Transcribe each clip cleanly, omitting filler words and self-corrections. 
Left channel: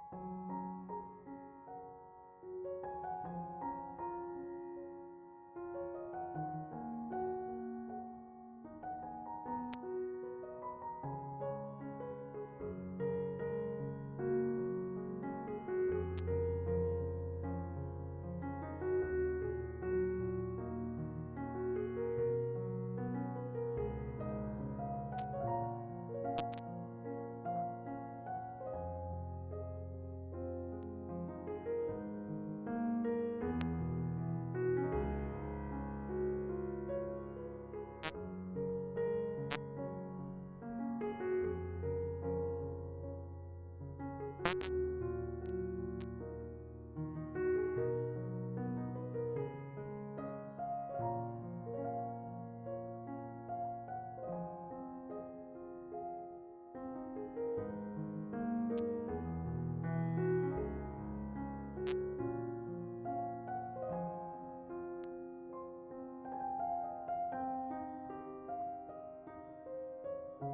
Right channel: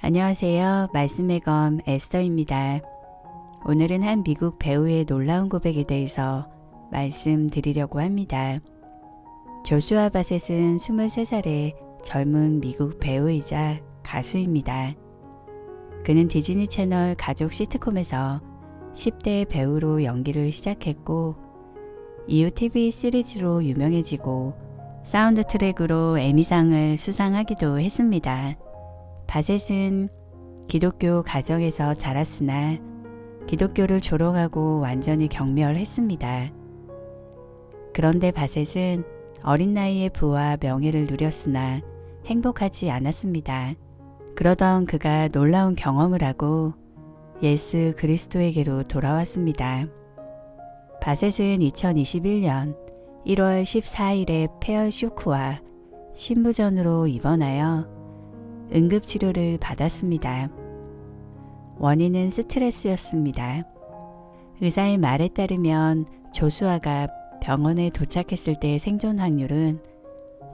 안녕하세요. 말씀의 검 에스더입니다. 오늘은 한 미국 배우의 놀라운 고백에 대해서 말씀드리려고 합니다. 조슈아 바셋은 23살의 젊은 미국 배우이자 가수입니다. 그는 디즈니 채널 가족 시트콤에서 10대 배우로 연기를 시작했고 이후 TV 시리즈로 유명해지고 사운드 트랙으로 에미상을 수상하기도 했습니다. 바셋은 기독교 가정에서 자랐으나 기독교를 졸업하고 완전히 경멸했습니다. 그런데 바셋은 어린 나이에 부와 명예를 누렸으나 행복하지 않았습니다. 그러던 그가 놀라운 경험을 하고 예수 그리스도에게로 돌아왔습니다. 바셋은 2021년 1월 14일에 폐혈 쇼크와 심부전으로 입원하여 응급치료를 받았습니다. 원인은 스트레스였습니다. 의사의 말에 따르면 조수아가 병원에 도착했을 때의 생존 확률은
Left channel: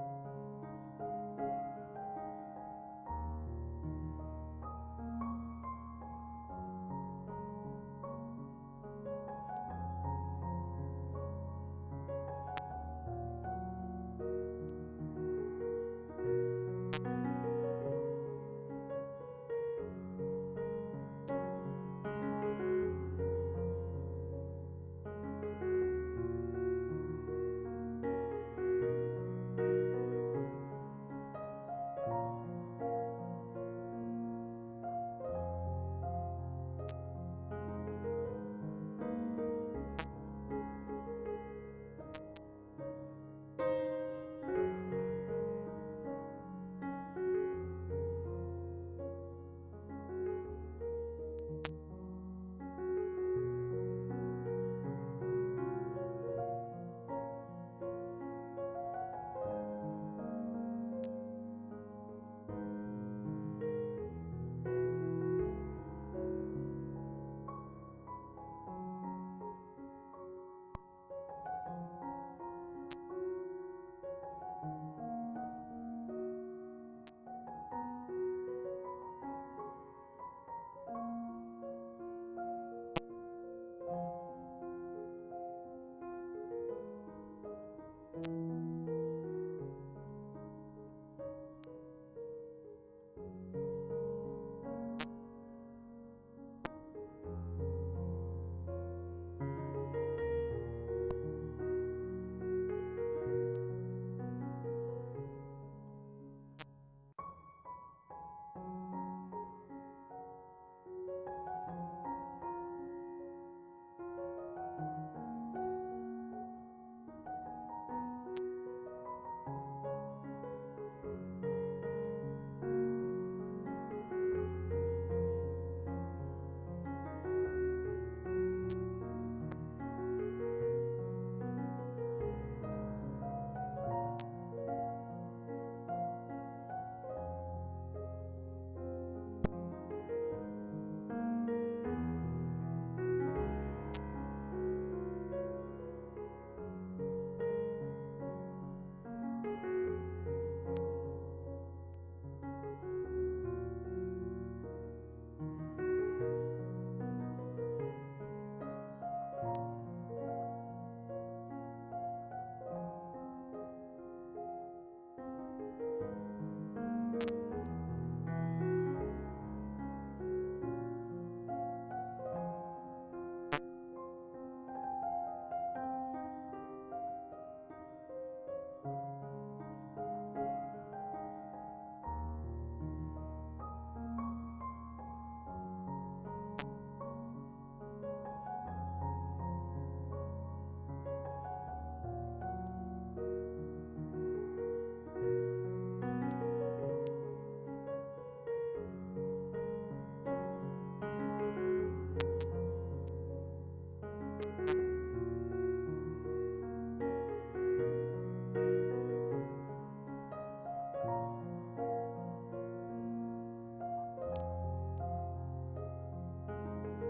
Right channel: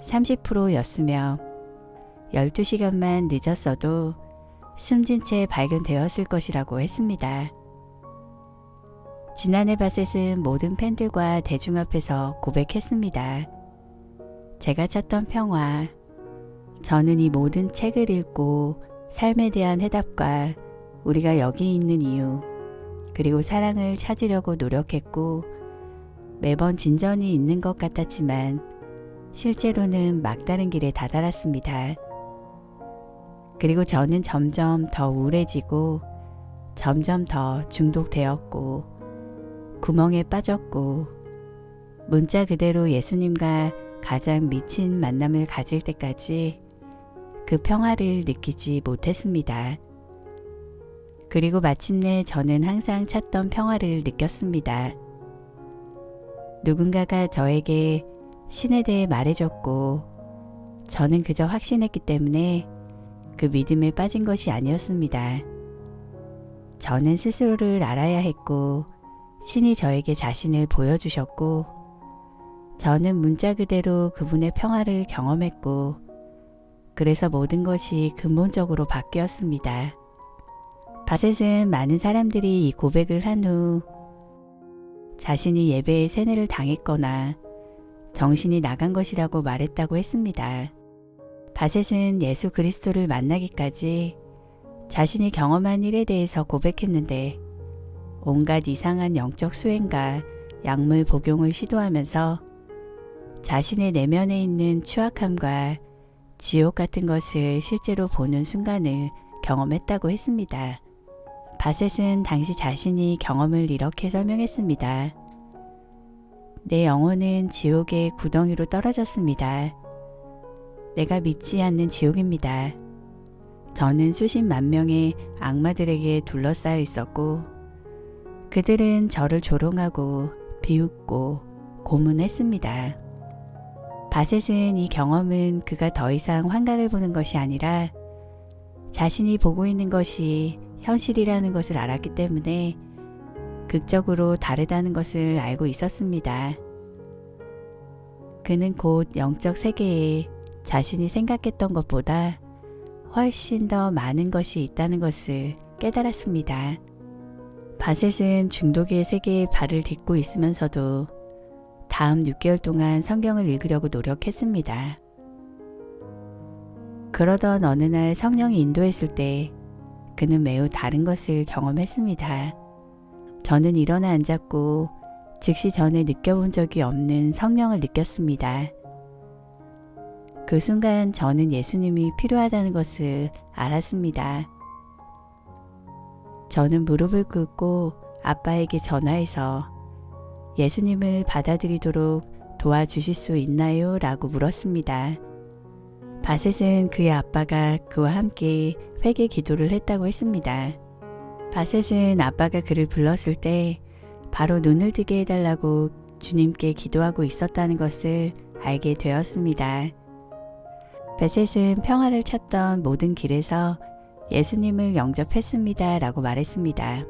30%였으며 12시간만 늦었어도 숨진 채 발견되었을 것이라고 했습니다. 지난해 바셋은 모든 팬들과 대중 앞에서 고백했습니다. 제가 찾던 평화, 저는 이 모든 책을 읽고 삶에 대한 해답과 우리가 여기 있는 이유, 그리고 사랑을 찾으려고 노력했고 매번 진전이 있는 것 같았지만 실제로는 막다른 길에 다다랐습니다. 그리고 저는 점점 더 우울해지고 점점 더 중독되었고 구멍에 빠졌고 문자 그대로 예수님과 가장 미친 만남을 가질 때까지 그 평화를 느끼지 못했습니다. 그리고 마침내 저는 항상 찾던 평화를 느꼈습니다. 누군가가 저에게 신에 대해 말해줬고 저는 그저 확신했기 때문에 그 믿음에 빠진 것이 아니었습니다. 저는 스스로를 알아야 했고 신이 저에게 자신을 보여주셨고 저는 문자 그대로 그분의 평화를 경험했고 그래서 모든 것이 근본적으로 바뀌었습니다. 바셋은 많은 사람들이 이 고백을 한 후 자신이 예배에 세뇌를 당했거나 정신이 나간 것이라고 말했다고 했습니다. 바셋은 예수 그리스도를 만나기까지 자신이 경험한 일에 대해서 고백했는데 온갖 이상한 영적 수행과 약물 복용을 시도하면서 자신의 내면에 있는 추악함과 지옥 같은 것을 실제로 보는 순간을 경험했다고 했습니다. 바셋은 당시 자신이 경험을 이렇게 설명했습니다. 내 영혼은 지옥의 구덩이로 떨어졌습니다. 내가 믿지 않는 지옥입니다. 저는 수십만 명의 악마들에게 둘러싸여 있었고 그들은 저를 조롱하고 비웃고 고문했습니다. 바셋은 이 경험은 그가 더 이상 환각을 보는 것이 아니라 자신이 보고 있는 것이 현실이라는 것을 알았기 때문에 극적으로 다르다는 것을 알고 있었습니다. 그는 곧 영적 세계에 자신이 생각했던 것보다 훨씬 더 많은 것이 있다는 것을 깨달았습니다. 바셋은 중독의 세계에 발을 딛고 있으면서도 다음 6개월 동안 성경을 읽으려고 노력했습니다. 그러던 어느 날 성령이 인도했을 때 그는 매우 다른 것을 경험했습니다. 저는 일어나 앉았고 즉시 전에 느껴본 적이 없는 성령을 느꼈습니다. 그 순간 저는 예수님이 필요하다는 것을 알았습니다. 저는 무릎을 꿇고 아빠에게 전화해서 예수님을 받아들이도록 도와주실 수 있나요? 라고 물었습니다. 바셋은 그의 아빠가 그와 함께 회개 기도를 했다고 했습니다. 바셋은 아빠가 그를 불렀을 때 바로 눈을 뜨게 해달라고 주님께 기도하고 있었다는 것을 알게 되었습니다. 바셋은 평화를 찾던 모든 길에서 예수님을 영접했습니다. 라고 말했습니다.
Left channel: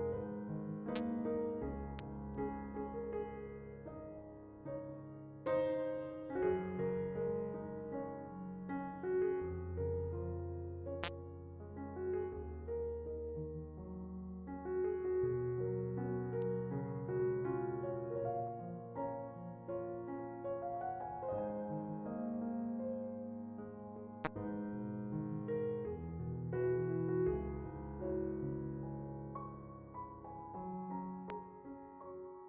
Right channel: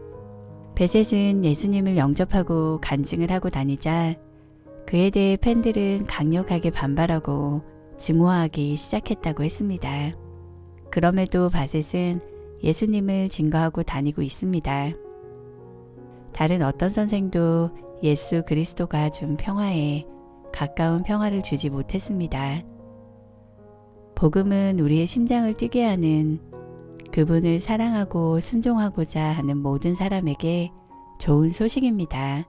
바셋은 예수님을 영접하고 간증을 하고 다니자 그에 대해 팬들은 강력하게 반발하고 증오하기 시작했다고 했습니다. 그럼에도 바셋은 예수님을 증거하고 다니고 있습니다. 다른 어떤 선생도 예수 그리스도가 준 평화에 가까운 평화를 주지 못했습니다. 복음은 우리의 심장을 뛰게 하는, 그분을 사랑하고 순종하고자 하는 모든 사람에게 좋은 소식입니다.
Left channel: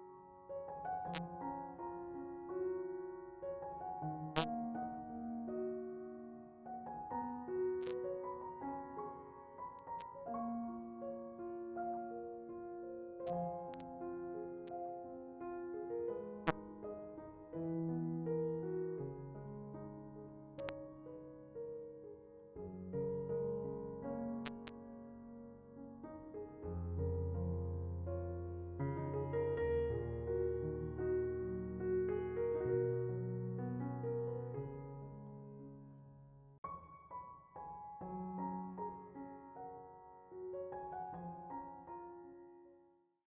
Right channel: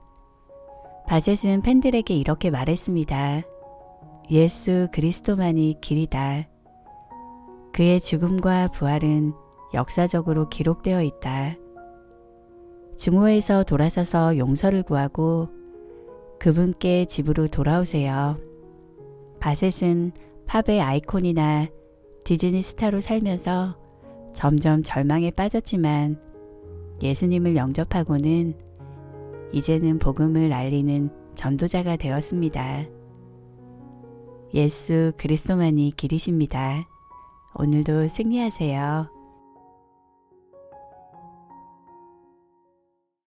바셋은 팬들에게 이렇게 말했습니다. 예수 그리스도만이 길이다. 그의 죽음과 부활은 역사적으로 기록되어 있다. 증오에서 돌아서서 용서를 구하고 그분께 집으로 돌아오세요. 바셋은 팝의 아이콘이나 디즈니 스타로 살면서 점점 절망에 빠졌지만 예수님을 영접하고는 이제는 복음을 알리는 전도자가 되었습니다. 예수 그리스도만이 길이십니다. 오늘도 승리하세요.